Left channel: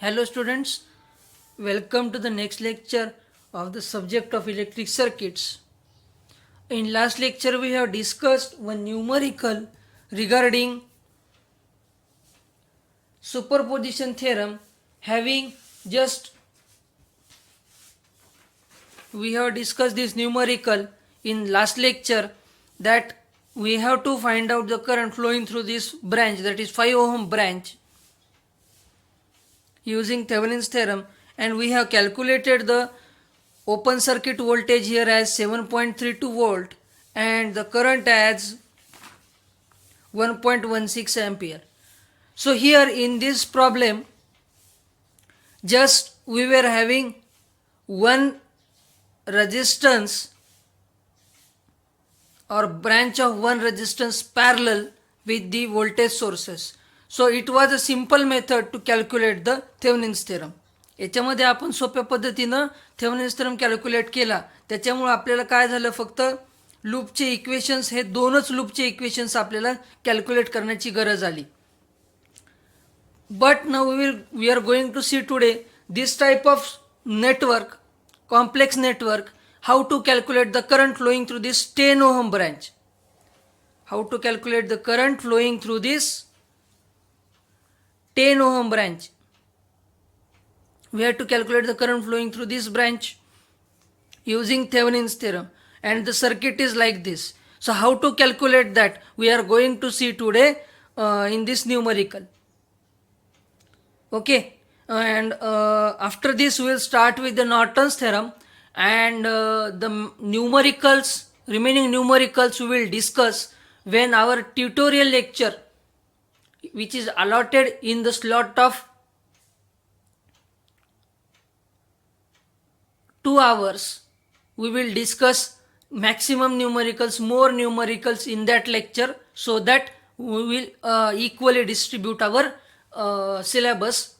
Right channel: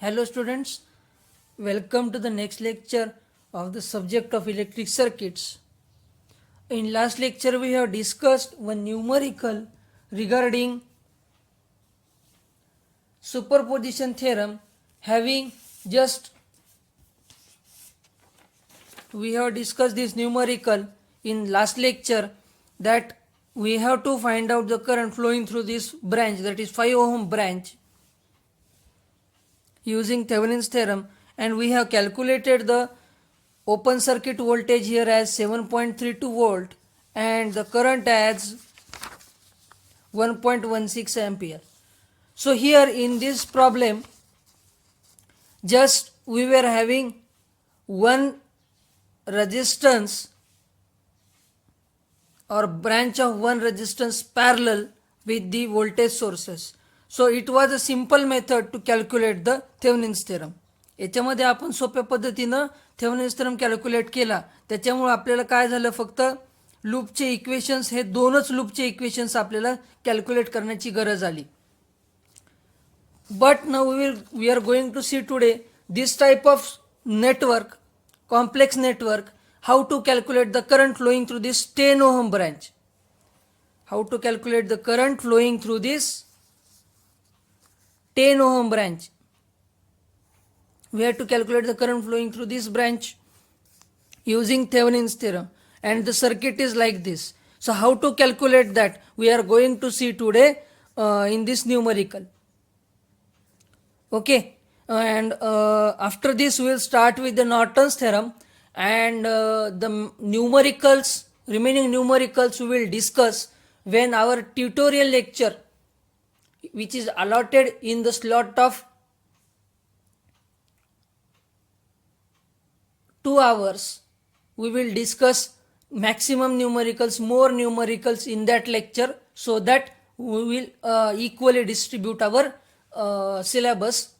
Hello students, welcome to the next lecture of the subject of electric circuits. In last lecture we have discussed one numerical regarding superposition theorem having just we have discussed this numerical in last lecture that we have to find out the current flowing through this branch, that is 5 ohm branch, using Thevenin's theorem, and we have calculated the open circuit voltage here as 7.32 volt and the current as 1.16 ampere. So here in this problem just we were having one resistance or branch of one resistance parallel with the voltage sources. So it was a simple method to calculate the Thevenin's theorem. याच्यामध्ये आपण सोप्या पद्धतीनं Thevenin's theorem calculate केला. त्याच्यामुळे आपल्याला काय झालं, फक्त लूपचे इक्वेशन्स हे दोनच लूपचे इक्वेशन्स आपल्याला कॅल्क्युलेट करण्याची गरज आली. But now we are going to see today this type of network, complex network, how to calculate the current flowing through this 10 ohm branch. How to calculate the current flowing through this 10 ohm branch. We have to calculate the current flowing through this branch using Thevenin's theorem, and the circuit is like this. So how to calculate that we are going to see today in this numerical. Okay, and after this we will start with the Norton's theorem, and the remaining numericals we will discuss when our tutorial lecture, which is allotted in the slot of 2 hours, we will discuss maximum numericals, more numericals in that lecture, so that we will equally distribute our syllabus.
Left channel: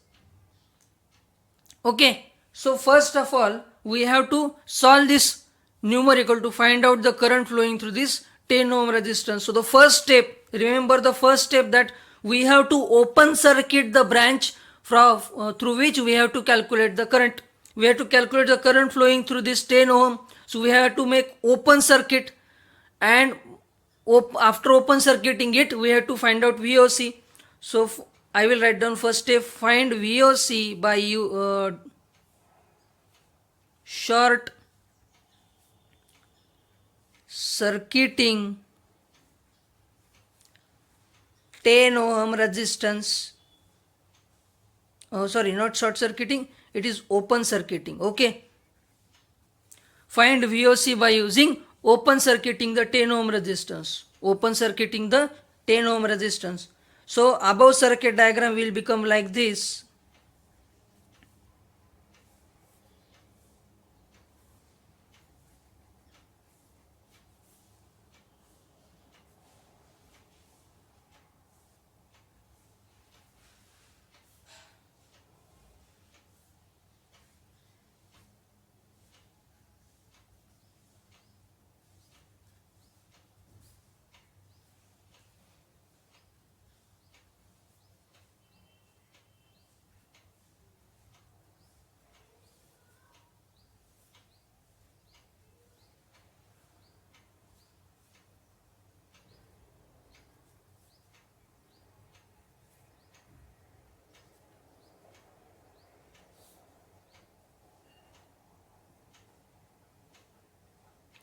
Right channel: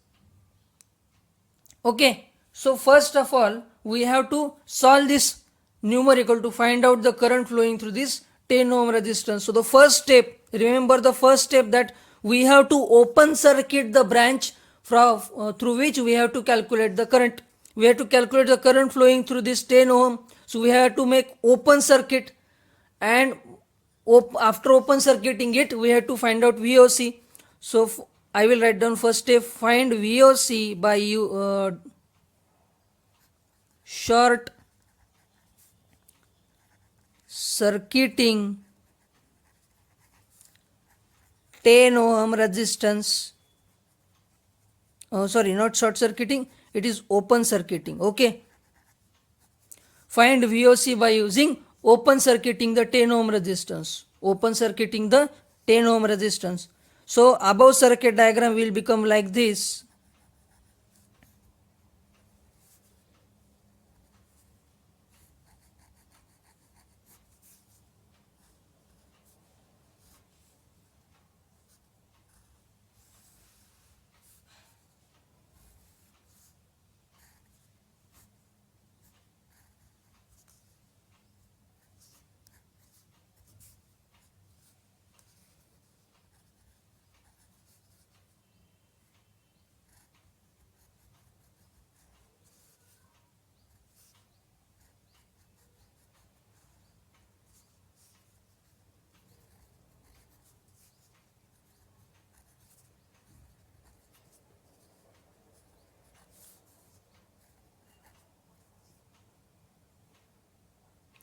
Okay, so first of all we have to solve this numerical to find out the current flowing through this 10 ohm resistance. So the first step, remember the first step, that we have to open circuit the branch through which we have to calculate the current. We have to calculate the current flowing through this 10 ohm. So we have to make open circuit, and after open circuiting it we have to find out VOC. So I will write down first step, find VOC by short circuiting 10 ohm resistance. Oh, sorry, not short circuiting, it is open circuiting. Okay, find VOC by using open circuiting the 10 ohm resistance. Open circuiting the 10 ohm resistance. So above circuit diagram will become like this.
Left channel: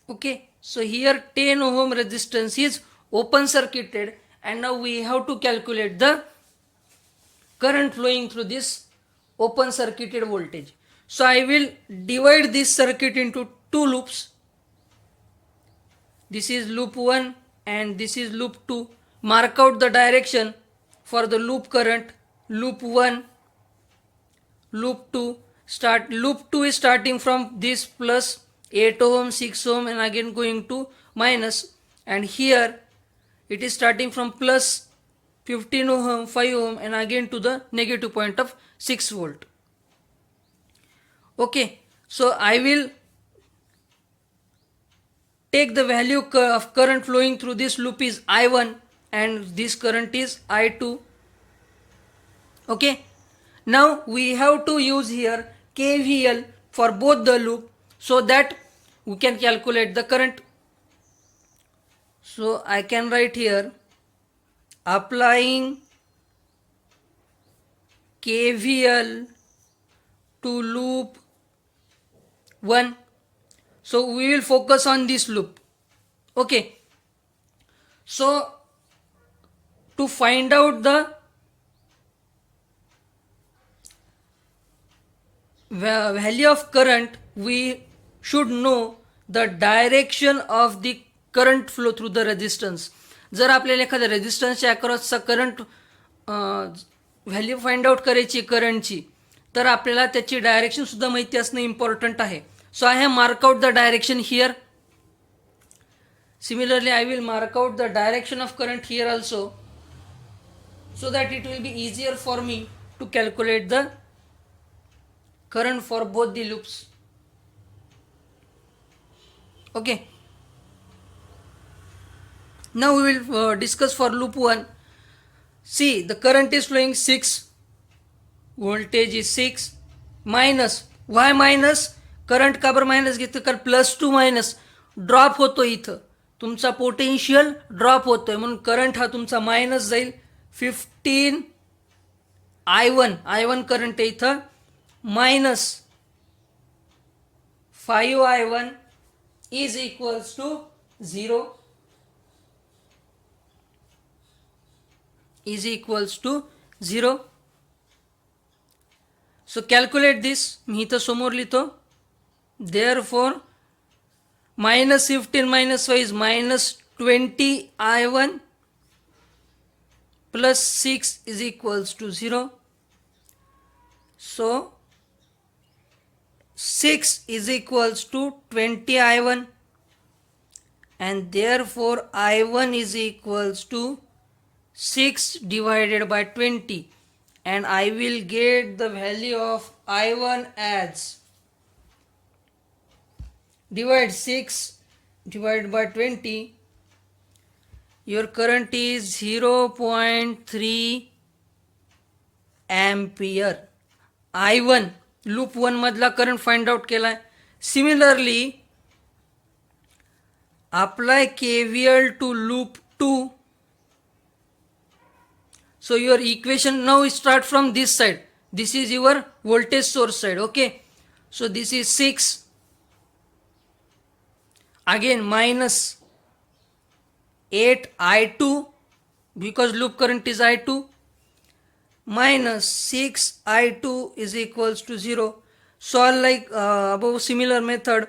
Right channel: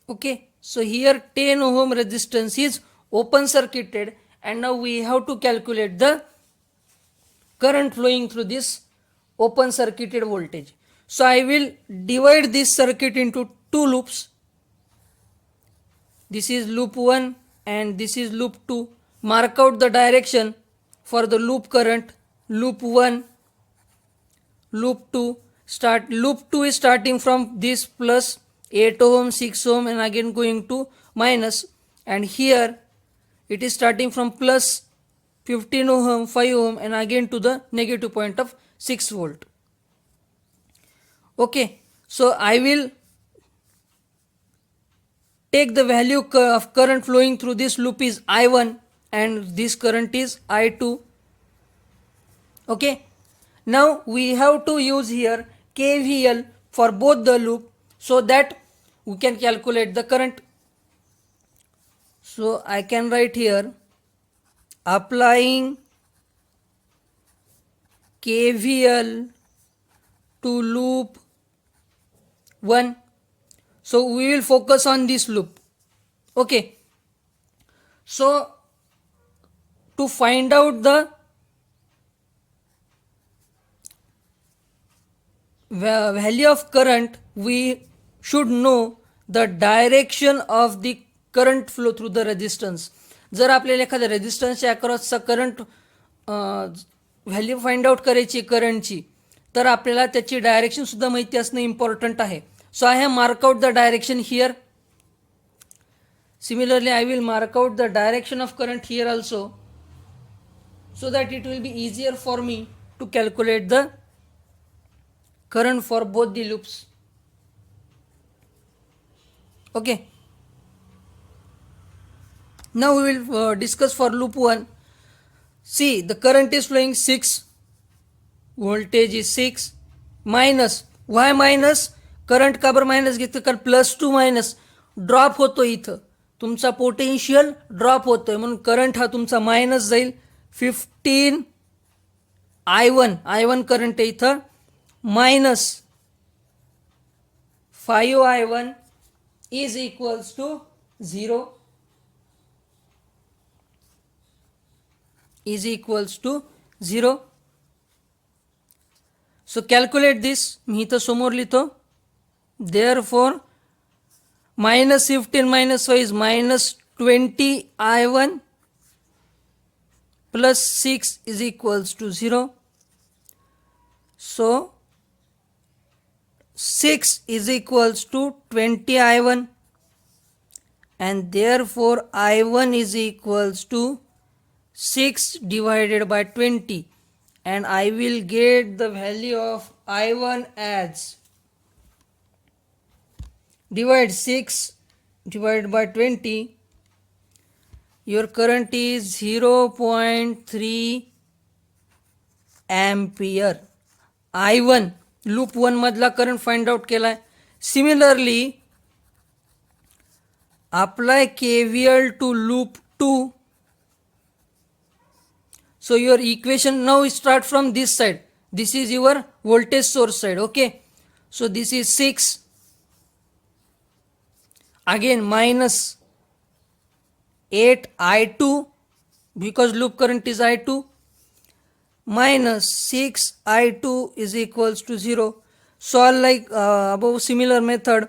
Okay, so here 10 ohm resistance is open circuited, and now we have to calculate the current flowing through this open circuited voltage. So I will divide this circuit into two loops. This is loop 1 and this is loop 2. Mark out the direction for the loop current. Loop 1, loop 2. Loop 2 is starting from this plus 8 ohm, 6 ohm, and again going to minus, and here it is starting from plus 15 ohm, 5 ohm, and again to the negative point of 6 volt. Okay, so I will take the value of current flowing through this loop is I1 and this current is I2. Okay, Now we have to use here KVL for both the loop so that we can calculate the current. So I can write here applying KVL to loop 1. So we will focus on this loop. Okay. So to find out the value of current, we should know the direction of the current flow through the resistance. जर आपल्याला एखाद्या रेजिस्टन्सच्या अक्रॉसचा current value find out करायची करंटची, तर आपल्याला त्याची direction सुद्धा माहिती असणं इम्पॉर्टंट आहे. So I have mark out the direction here. Similarly, I will mark out the direction of current here also, so that it will be easier for me to calculate the current for both the loops. Okay. Now we will discuss for loop 1. See, the current is flowing 6, voltage is 6, minus. Why minus? Current का बरं minus घेतो? कारण +2 minus drop होतो, इथं तुमचा potential drop होतोय म्हणून current हा तुमचा मायनस जाईल. 15 I1 करंट आहे इथं, minus 5 I1 is equals to 0. is equals to 0. So calculate this. मी इथं समोर लिहितो. Therefore minus 15 minus 5 is minus 20 I1 plus 6 is equals to 0. So 6 is equals to 20 I1, and therefore I1 is equals to 6 divided by 20, and I will get the value of I1 as, divide 6 divided by 20, your current is 0.3 ampere. I1 loop 1 मधला current find out केलाय. Similarly, apply KVL to loop 2. So your equation now start from this side. This is your voltage source side. Okay. So this is 6. Again minus 8 I2 because loop current is I2, minus 6 I2 is equals to 0. Solve like above similar method.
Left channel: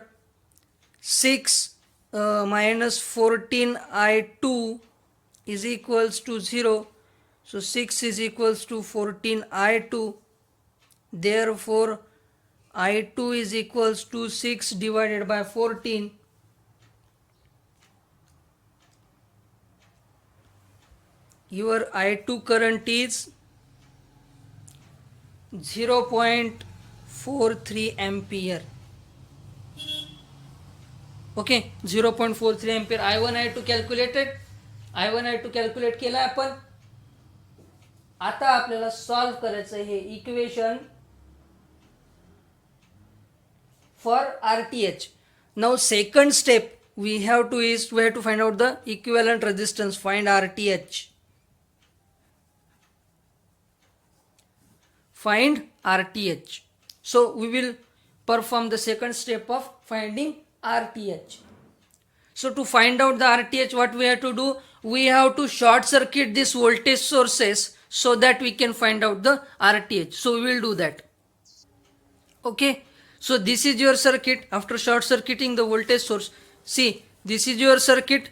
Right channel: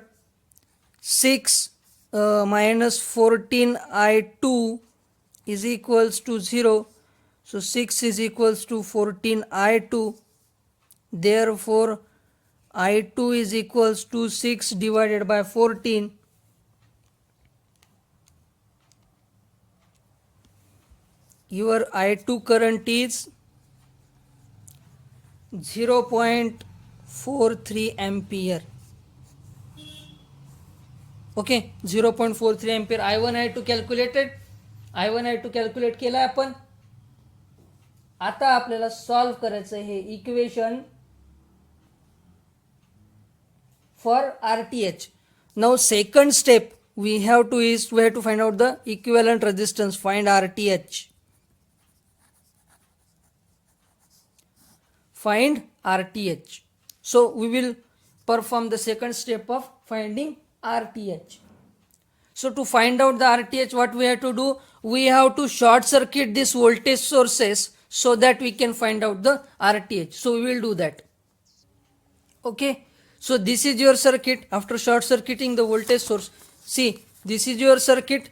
6 minus 14 I2 is equals to 0. So 6 is equals to 14 I2. Therefore I2 is equals to 6 divided by 14. Your I2 current is 0.43 ampere. Okay, 0.43 ampere. I1 I2 calculated. I1 I2 calculate केला आपण. आता आपल्याला solve करायचं हे equation for RTH. Now second step we have to find out the equivalent resistance. Find RTH. Find RTH. So we will perform the second step of finding RTH. So to find out the RTH, what we have to do? We have to short circuit these voltage sources so that we can find out the RTH. So we will do that. Okay. So this is your circuit. After short circuiting the voltage source, see, this is your circuit.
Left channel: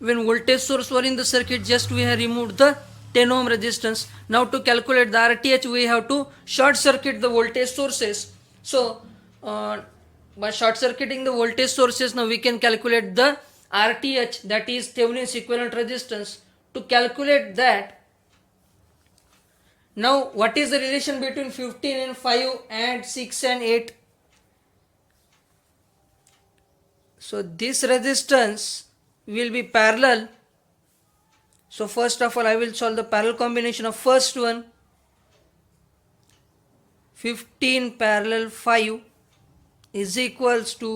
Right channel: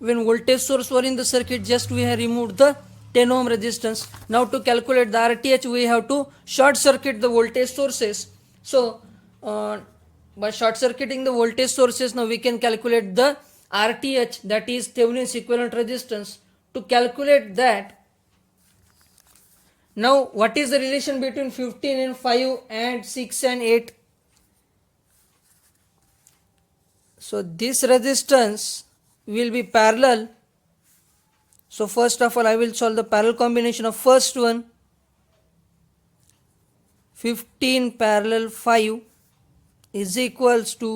When voltage source were in the circuit, just we have removed the 10 ohm resistance. Now to calculate the RTH, we have to short circuit the voltage sources. So by short circuiting the voltage sources, now we can calculate the RTH, that is Thevenin's equivalent resistance. To calculate that, now what is the relation between 15 and 5 and 6 and 8? So this resistance will be parallel. So first of all I will solve the parallel combination of first one. 15 parallel 5 is equals to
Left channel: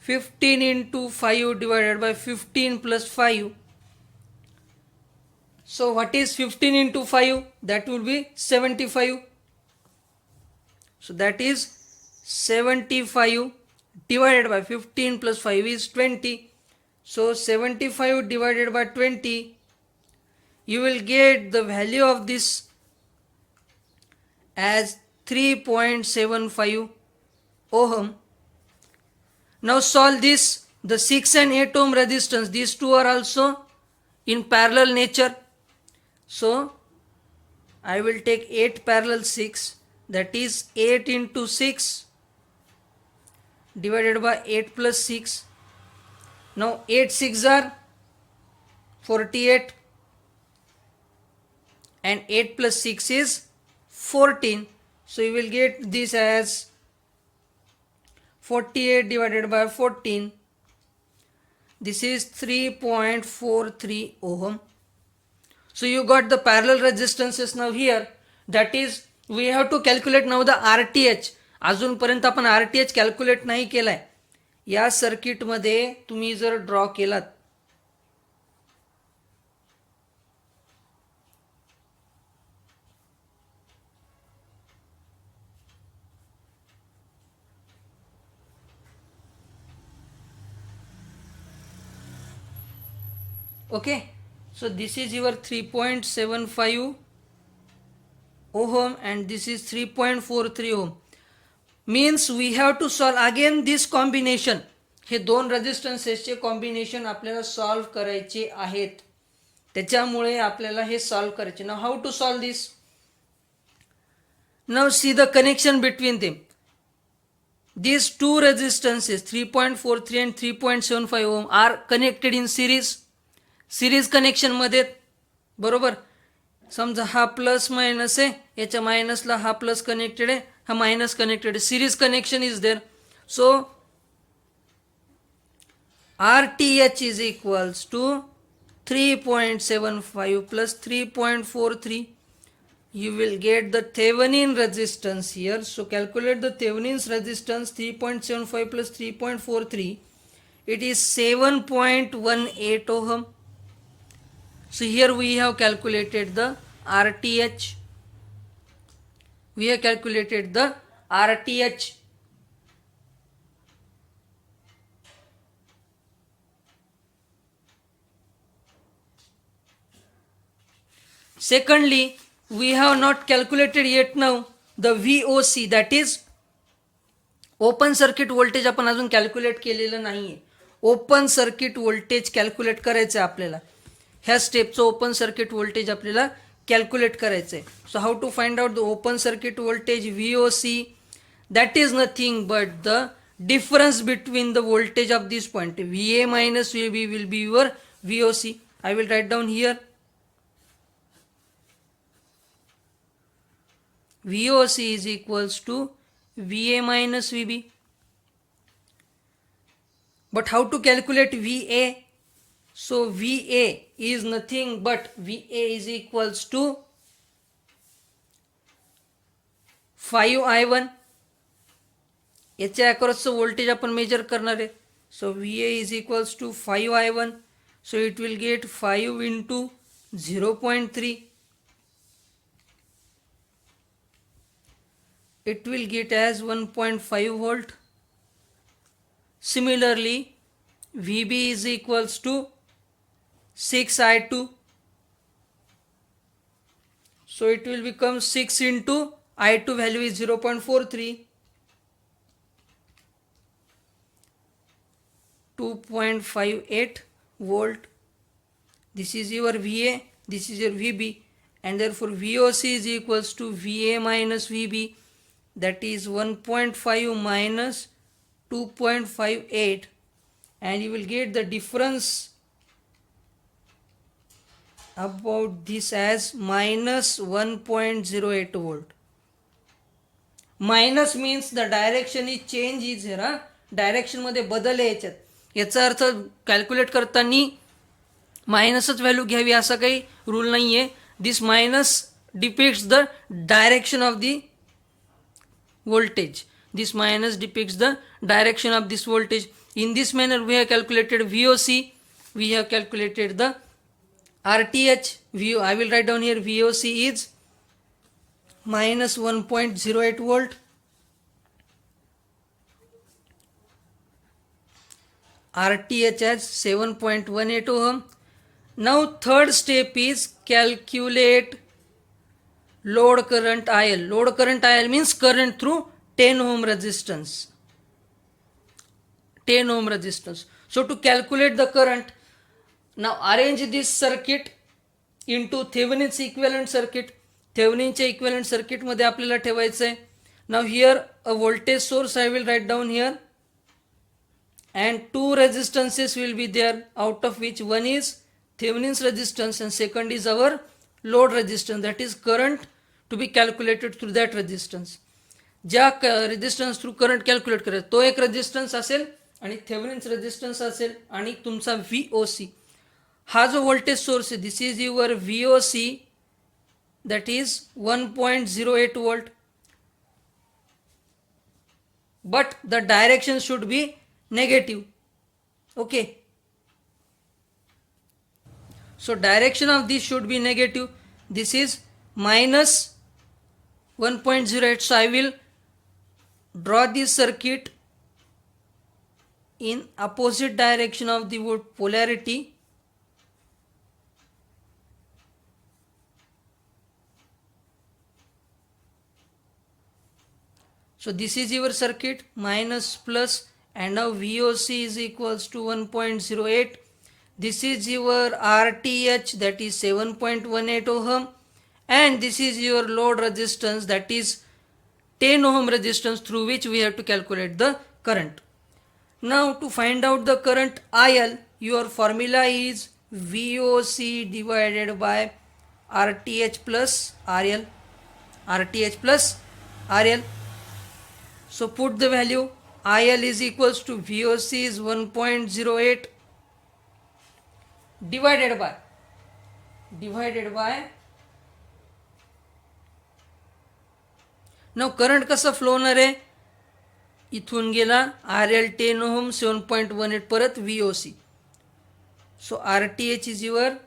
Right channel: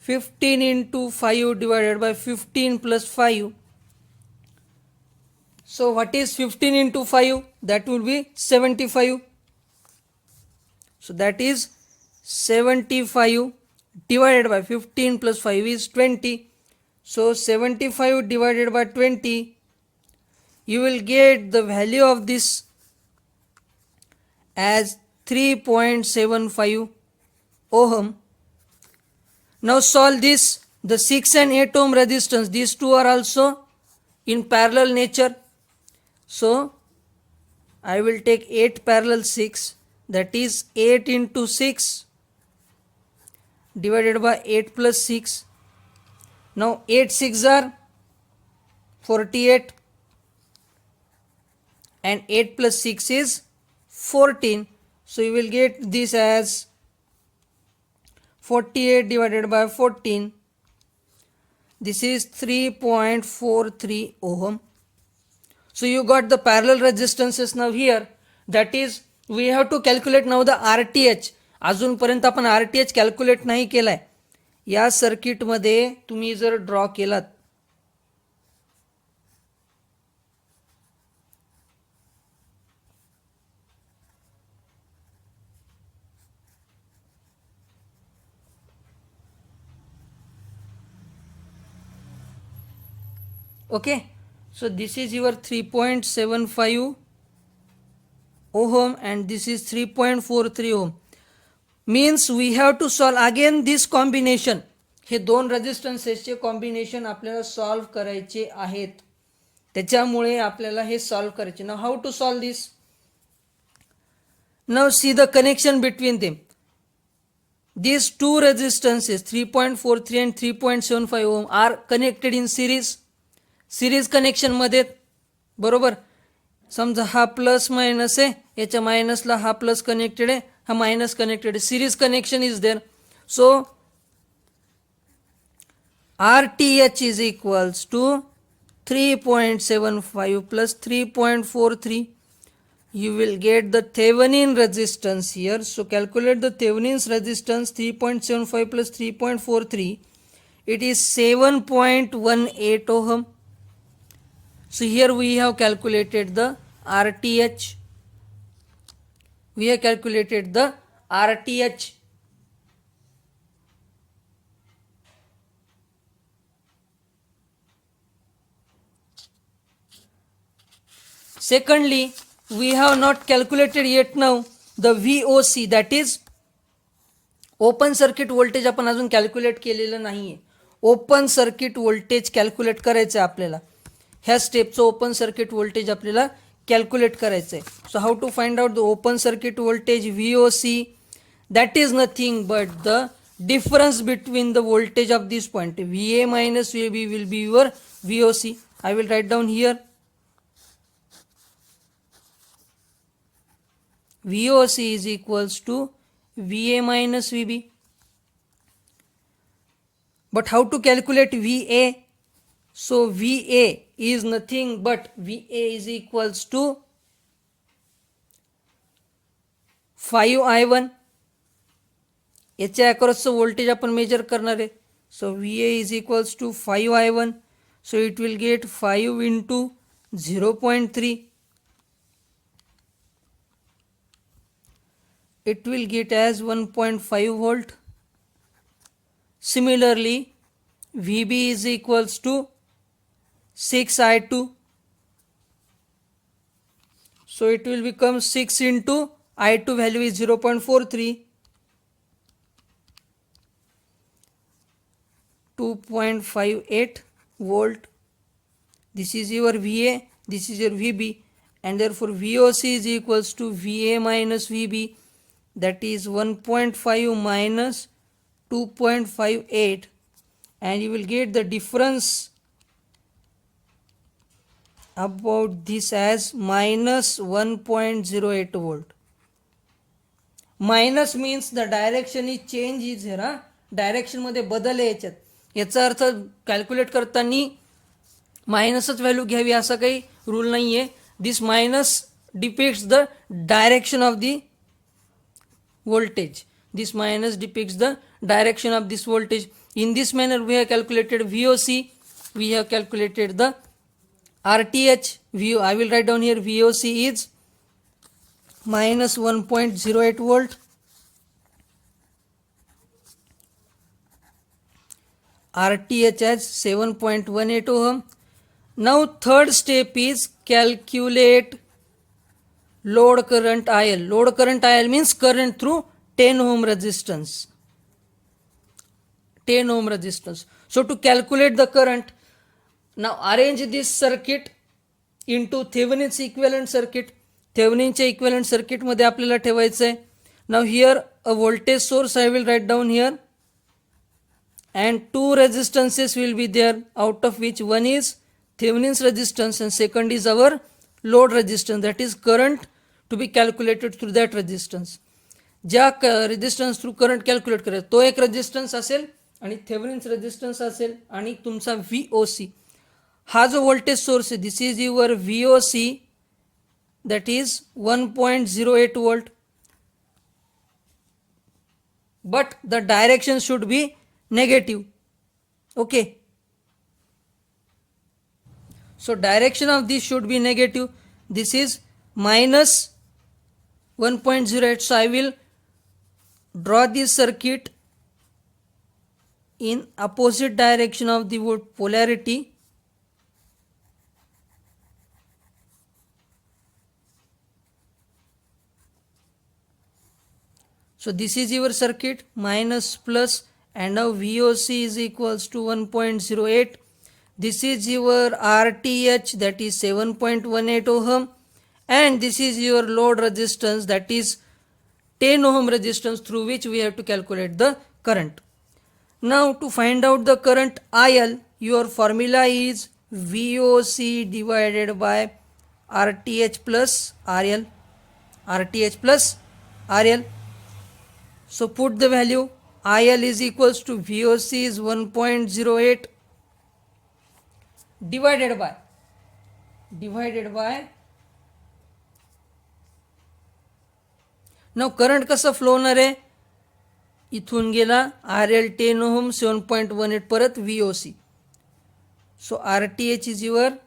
15 into 5 divided by 15 plus 5. So what is 15 into 5? That will be 75. So that is 75 divided by 15 plus 5 is 20. So 75 divided by 20, you will get the value of this as 3.75 ohm. Now solve this. The 6 and 8 ohm resistance, these two are also in parallel nature. So I will take 8 parallel 6, that is 8 into 6 divided by 8 plus 6. Now 8 6 are 48 and 8 plus 6 is 14. So you will get this as 48 divided by 14. This is 3.43 ohm. So you got the parallel resistances now here. That is, we have to calculate now the RTH. अजूनपर्यंत आपण RTH calculate नाही केलाय. या सर्किटमध्ये तुम्ही जर draw केलात, okay, so this is your 3.75 ohm and this is 3.43 ohm. Means we have to solve again this combination. हे दोन रेजिस्टन्सेसचे कॉम्बिनेशन आपल्याला सॉल्व करायचे आहेत. त्याच्यामुळे आपल्याला हे सॉल्व करायचे. Now how to solve this? Now see the connection between them. These two resistances 3.43 and 3.75 ohm are connected in series. Series connection मध्ये, बरोबर. समजा हा प्लस मायनस आहे, याच्या मायनसला हा प्लस कनेक्टेड आहे, हा मायनस कनेक्टेड आहे. Series connection is there. So RTH is equals to 3.75 plus 3.43. You will get the Thevenin resistance here. So calculate the Thevenin's resistance. 3.75 plus 3.43. It is 7.18 ohm. So here we have calculated the RTH. We have calculated the RTH. Secondly, we have not calculated yet now the VOC, that is open circuit voltage. आपण अजून calculate केलेलं नाहीये. Open circuit voltage calculate करायचं आहे आपल्याला. ह्या स्टेपचं open circuit voltage आपल्याला कॅल्क्युलेट करायचं आहे. So how to find out the open circuit voltage VOC? That is nothing but the difference between the voltage of this point. VA minus VB will be your VOC. I will write down here. VOC is equals to VA minus VB. But how to calculate VA? So VA is nothing but VA is equals to 5I1. याच्या अक्रॉसचं voltage आपण major करणार आहे. सो VA is equals to 5I1. So it will get 5 into 0.3. It will get as 1.5 volt. Similarly, VB is equals to 6I2. So it will become 6 into I2 value is 0.43. 2.58 volt. This is your VA, this is your VB, and therefore VOC is equals to VA minus VB. That is 1.5 minus 2.58, and you will get the difference about this as minus 1.08 volt. Minus means the direction is change is here. Direction मध्ये बदल आहे याच्यात. याचा अर्थ calculate करताना मायनसच value घ्यावी असा काही rule नाही आहे. This minus depicts the direction of the voltage. This minus depicts the direction of this voltage. In this manner we have calculated VOC, we have calculated the RTH. I will write down here VOC is minus 1.08 volt, RTH as 7.18 ohm. Now third step is calculate load current IL. Load current IL means current through 10 ohm resistance. 10 ohm resistance. So to calculate the current, now arrange this circuit into Thevenin's equivalent circuit. Theveninच्या equivalent circuit मध्ये आपल्याला ठेवायचं आहे. Now here a voltage source I will write down here, and two resistances will be there, out of which one is Thevenin's resistance and second is our load resistance, that is current to be calculated through that resistance. ज्या resistance through current calculate करायचा तो एक resistance असेल आणि Thevenin's resistance असेल आणि तुमचा VOC. हा जो व्होल्टेज सोर्स आहे, this is your VOC, that is 1.08 volt, but the direction should be negative. Okay, so direction of this should be negative. This is minus 1.08. So I will draw this circuit in opposite direction of the polarity. So this is your circuit, minus plus, and now VOC is equals to 1.08. This is your RTH, that is 7.18 ohm, and this is your load resistance, that is 10 ohm resistance through which we have to calculate the current. Now to find out the current IL, your formula is VOC divided by RTH plus RL. RTH plus RL. So put the value. IL is equals to VOC is 1.08 divided by now current कसा flow होणार आहे, इथून गेला RL 10 ohm 7.18 परत VOC. So RTH is your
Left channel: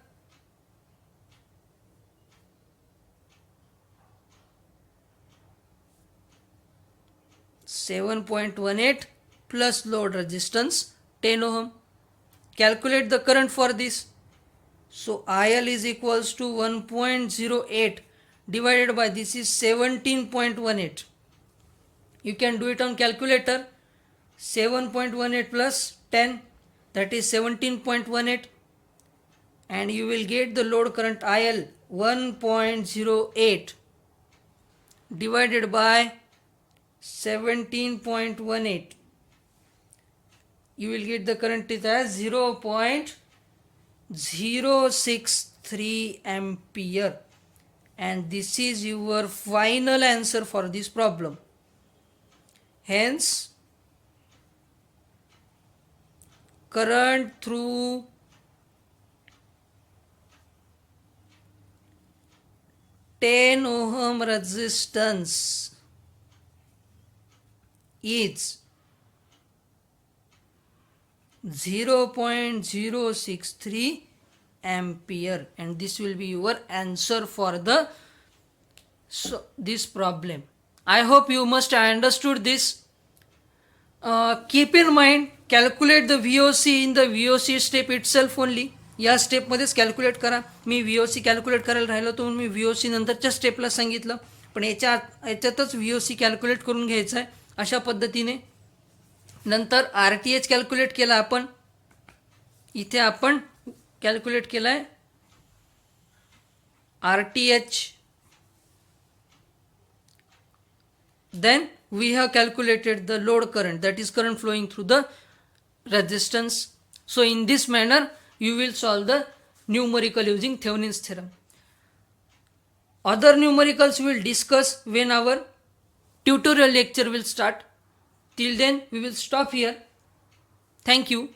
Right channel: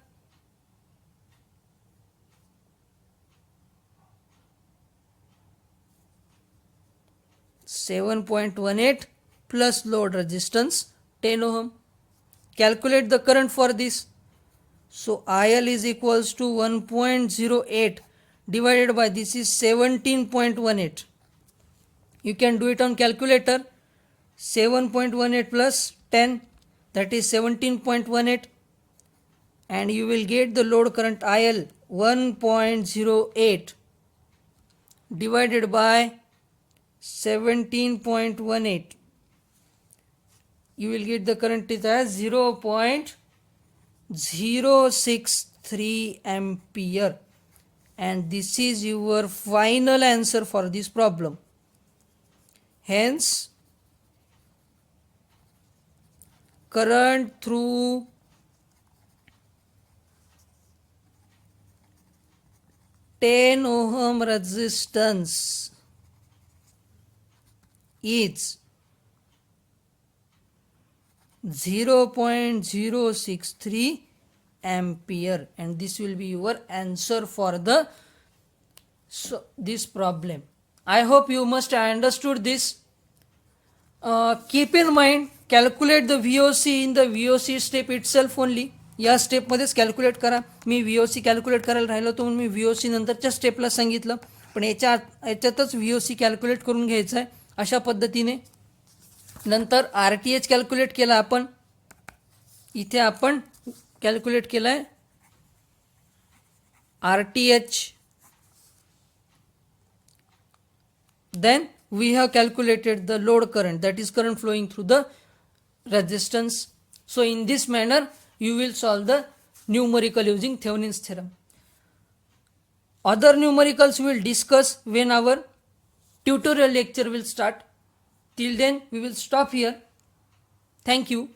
7.18 plus load resistance 10 ohm. Calculate the current for this. So IL is equals to 1.08 divided by this is 17.18. You can do it on calculator. 7.18 plus 10, that is 17.18, and you will get the load current IL 1.08 divided by 17.18. You will get the current is as 0.063 ampere, and this is your final answer for this problem. Hence, current through (10 ohm) resistance is 0.063 ampere, and this will be your answer for this problem. I hope you must have understood this. Keep in mind, calculate the VOC in the VOC step itself only. या स्टेपमध्येच calculate करा. मी VOC calculate करायला राहिलो तर मी VOC नंतरच्या स्टेपला सांगितलं, पण याच्यातच VOC कॅल्क्युलेट करून घ्यायचं आहे अशा पद्धतीने. नंतर RTH कॅल्क्युलेट केला आपण, इथे आपण कॅल्क्युलेट केला आहे RTH. Then we have calculated the load current, that is current flowing through the resistance. So in this manner you will solve the numerical using Thevenin's theorem. Other numericals we will discuss when our tutorial lecture will start. Till then we will stop here. Thank you.